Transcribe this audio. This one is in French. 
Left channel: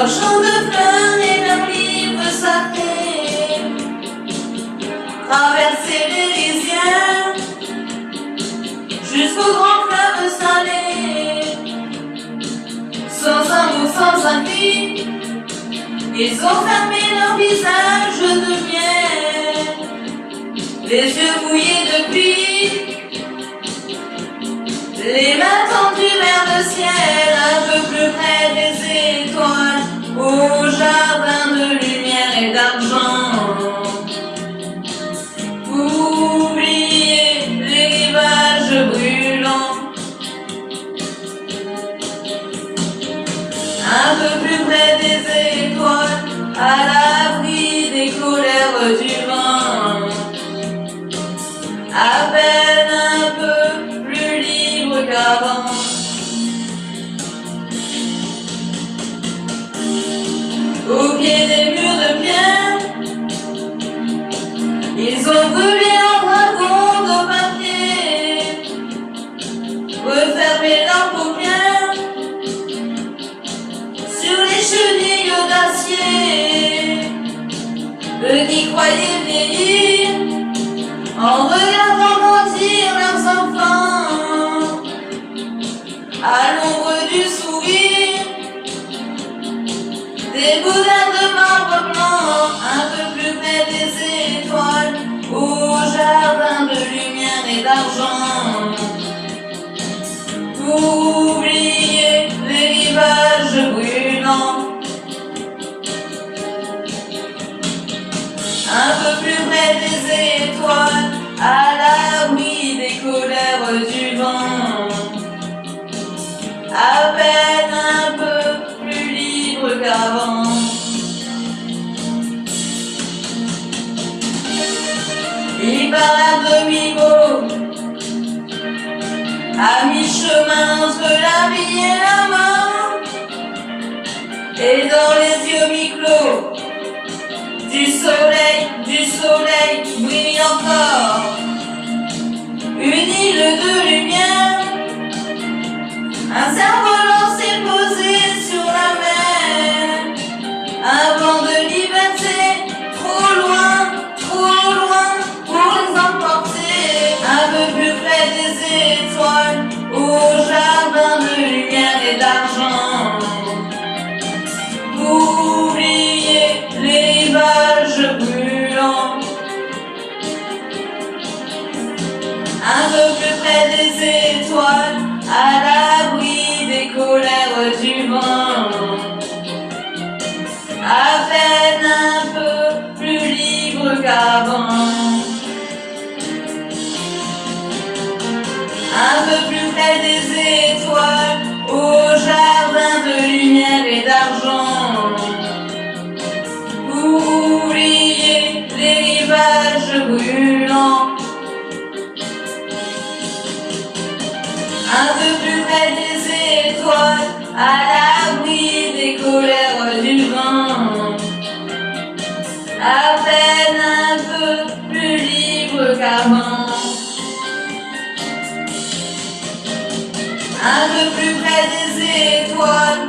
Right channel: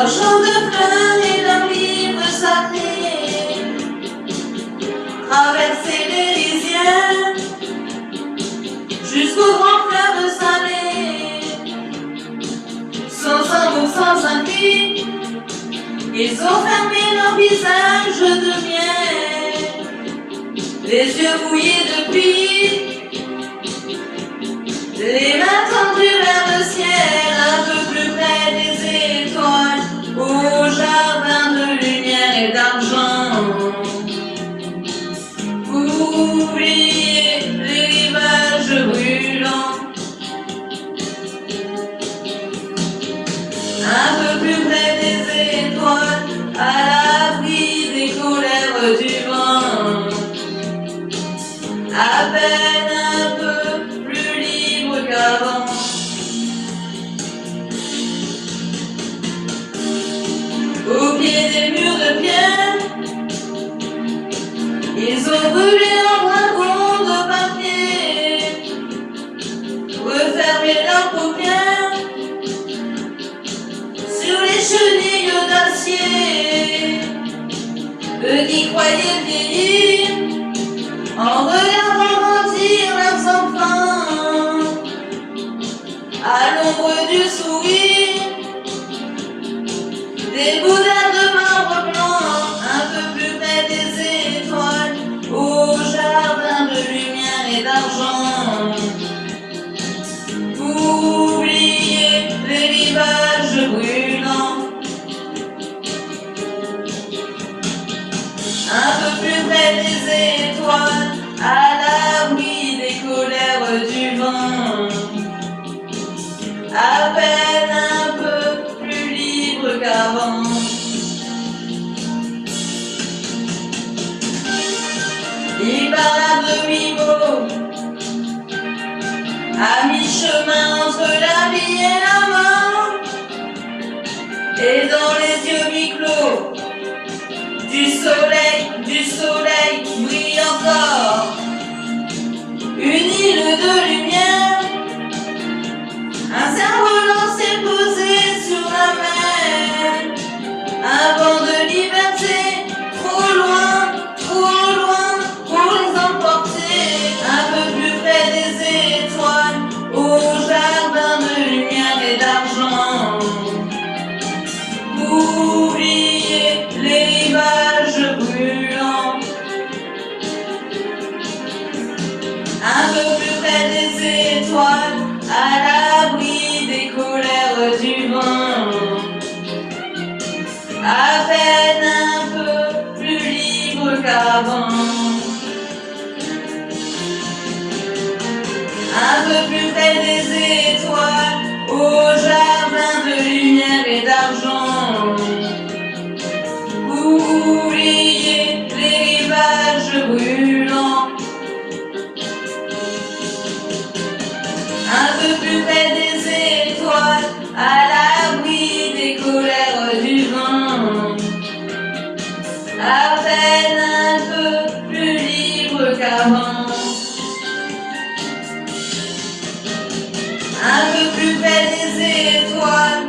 Leurs champs de fleurs et leurs livres sacrés, traverser les rizières jusqu'au grand fleuve salé. Sans un mot, sans un cri, ils ont fermé leur visage de miel, les yeux mouillés de pluie, les mains tendues vers le ciel, un peu plus près des étoiles, au jardin de lumière et d'argent. Oubliez les rivages brûlants, un peu plus près des étoiles, à l'abri des colères du vent, à peine un peu plus libre qu'avant. Au pied des murs de pierre, ils ont brûlé en dragon de papier, refermé leurs paupières sur les chenilles d'acier. Eux qui croyaient vieillir en regardant grandir leurs enfants, à l'ombre du sourire des boudins de marbre blanc, un peu plus près des étoiles, au jardin de lumière et d'argent. Oubliez les rivages brûlants, un peu plus près des étoiles, à l'abri des colères du vent, à peine un peu plus libre qu'avant. Il parle à demi-mot, à mi-chemin entre la vie et la mort, et dans les yeux mi-clos du soleil brille encore une île de lumière, un cerf-volant s'est posé sur la mer, un vent de liberté trop loin pour les emporter, un peu plus près des étoiles, au jardin de lumière et d'argent. Oubliez les rivages brûlants, un peu plus près des étoiles, à l'abri des colères du vent, à peine un peu plus libre qu'avant. Un peu plus près des étoiles, au jardin de lumière et d'argent. Oubliez les rivages brûlants, un peu plus près des étoiles, à l'abri des colères du vent, à peine un peu plus libre qu'avant. Un peu plus près des étoiles,